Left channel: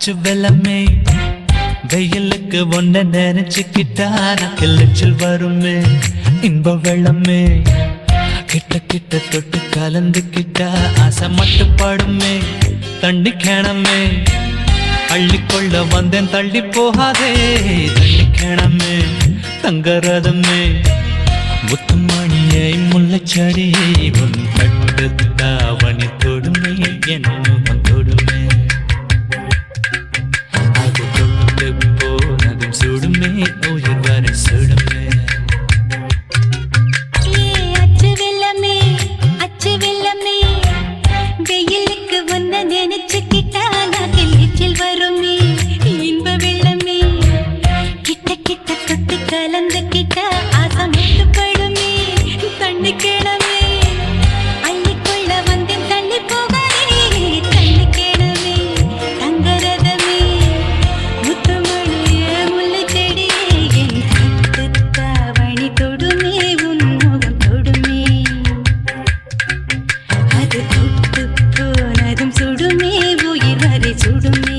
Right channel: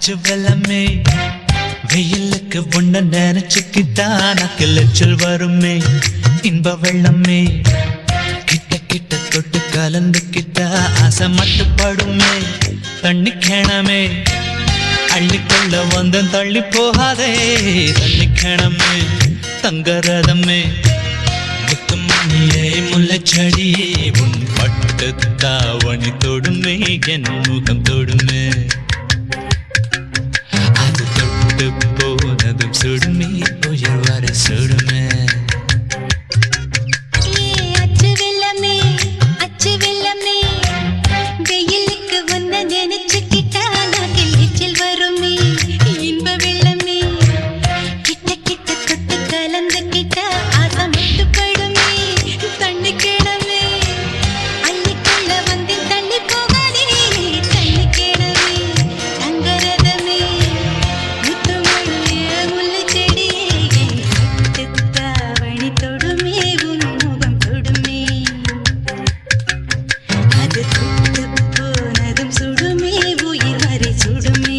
அச்சு வெள்ளமே வெயிலுக்கு ஒன்ன நினைச்சுக்கிட்டா கிளச்சல் வருமே இன்ப வெள்ளமே கிட்ட கிட்ட தொட்டு கலந்துக்கிட்டா ஆசை மட்டுப்படுமே தண்ணி கிணமே அள்ளிக்கொள்ள வந்து தள்ளி போகாதே தள்ளி கிணமே தங்கரதமே முத்துமணியை முல்லைச்செடியை உன் பட்டு தாவணி தொடுமே என் முகம் தொடுமே அது தொட்டு போனதும் சுடுமே உயிர் வரை சுடுமே அச்சு வெள்ளமே வெயிலுக்கு ஒன்ன நினைச்சுக்கிட்டா கிளச்சல் வருமே இன்ப வெள்ளமே கிட்ட கிட்ட கொத்து கலந்துக்கிட்டா ஆசை மட்டுப்படுமே தண்ணி கிணமே அள்ளிக்கொள்ள வந்து தள்ளி போகாதே தண்ணி கிணமே தங்கரதமே முத்துமணிய முல்லைச்செடியே தாவணி தொடுமே உன் முகம் தொடுமே அது தொட்டு போனதும் சுடுமே உயிர் வரை சுடுமே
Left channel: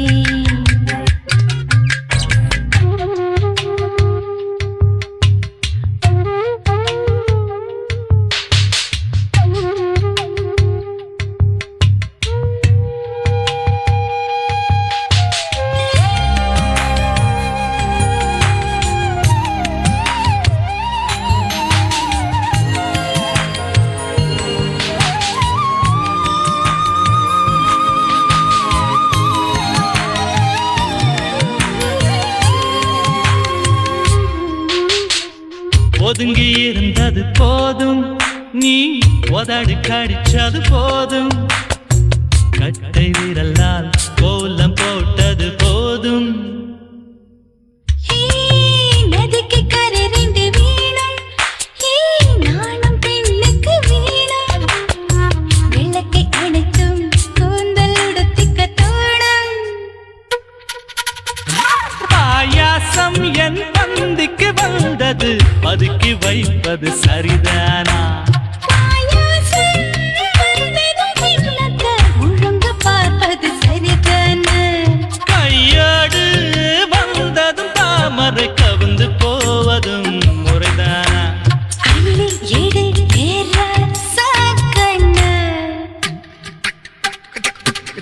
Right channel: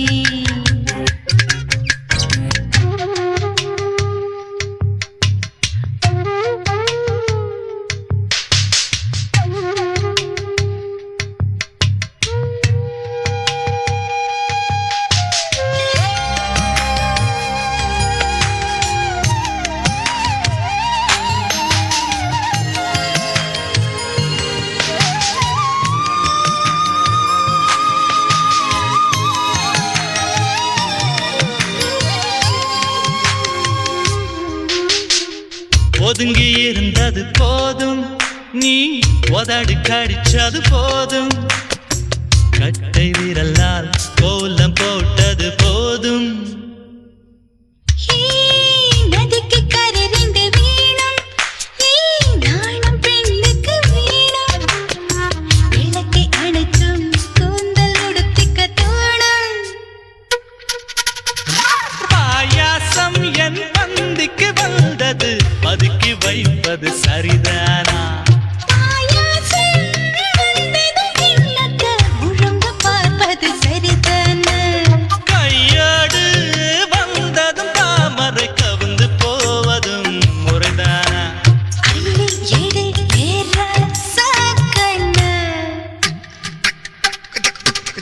ஒதுங்கி இருந்தது போதும் நீ உதடி கடிச்சது போதும் கட்டை விரலால் கோலம் போட்டது போதும் நதிக்கு கரை நீந்து வீடும் நானும் பெண்ணுக்கு வீடும் விளக்கை அணைத்தும் கூந்தல் உடுத்திக்க தோடும் பாயாசம் என் பந்திக்கு வந்தது பதுக்கி வைப்பது சரிதானா கையோடு வந்ததும் தாமரை கவுந்து போவதும் முறைதானா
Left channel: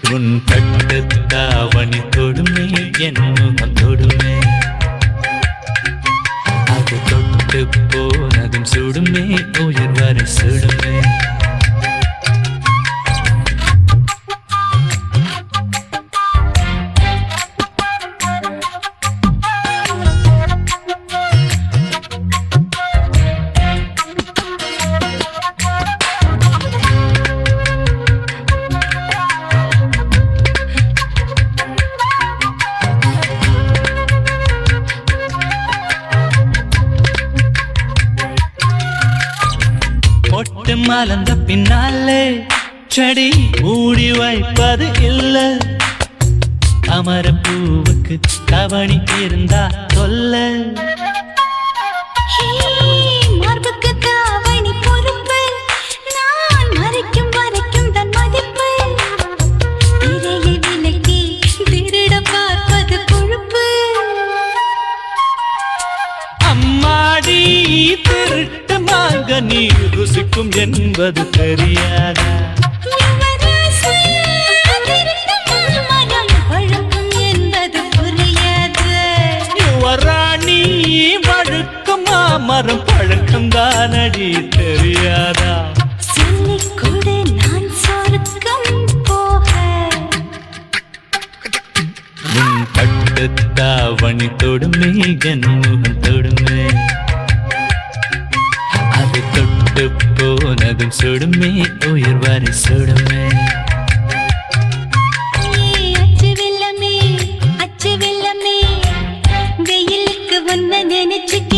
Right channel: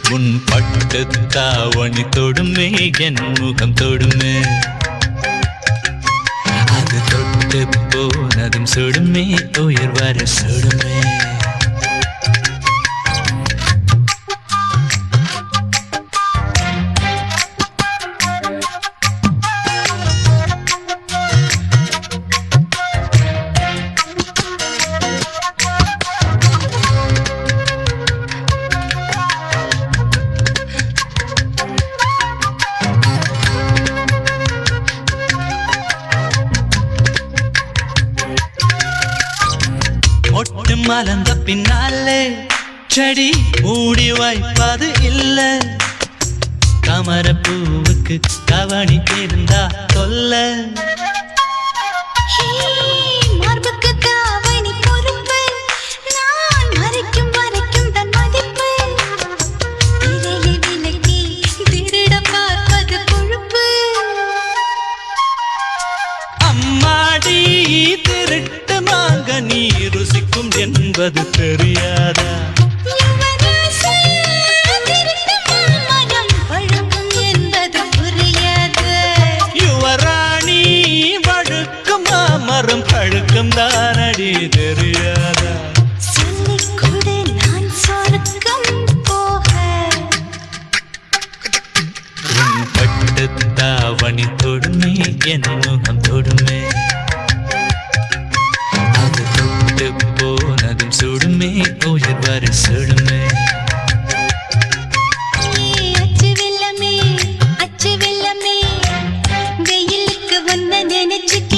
உன் பட்டு தாவணி தொடுமே என் முகம் தொடுமே அது தொட்டு போனதும் சுடுமே உயிர் வர சுடுமே மொட்டு மறந்த பின்னாலே செடி மூடி வைப்பது இல்ல கமர பூவுக்கு கவனி இருந்தா சொல்ல மார்புக்கு காவணி பொறுப்பு நான் மறைக்கும் வரைக்கும் தன் மதிப்பு திரையை விலக்கி திருட பார்ப்பது கொழுப்பு அம்மாடி திருட்டு மாக நீ ருசிக்கும் என்பது தெரியாதா யுவராணி வழுக்கும் மாமரம் பழுக்கும் தானடி தெரியாதா பட்டு தாவணி தொடுமே என் முகம் தொடுமே அது தொட்டு போனதும் சுடுமே உயிர் வரை சுடுமே அச்சு வெள்ளமே வெயிலுக்கு ஒன்ன நினைச்சுக்க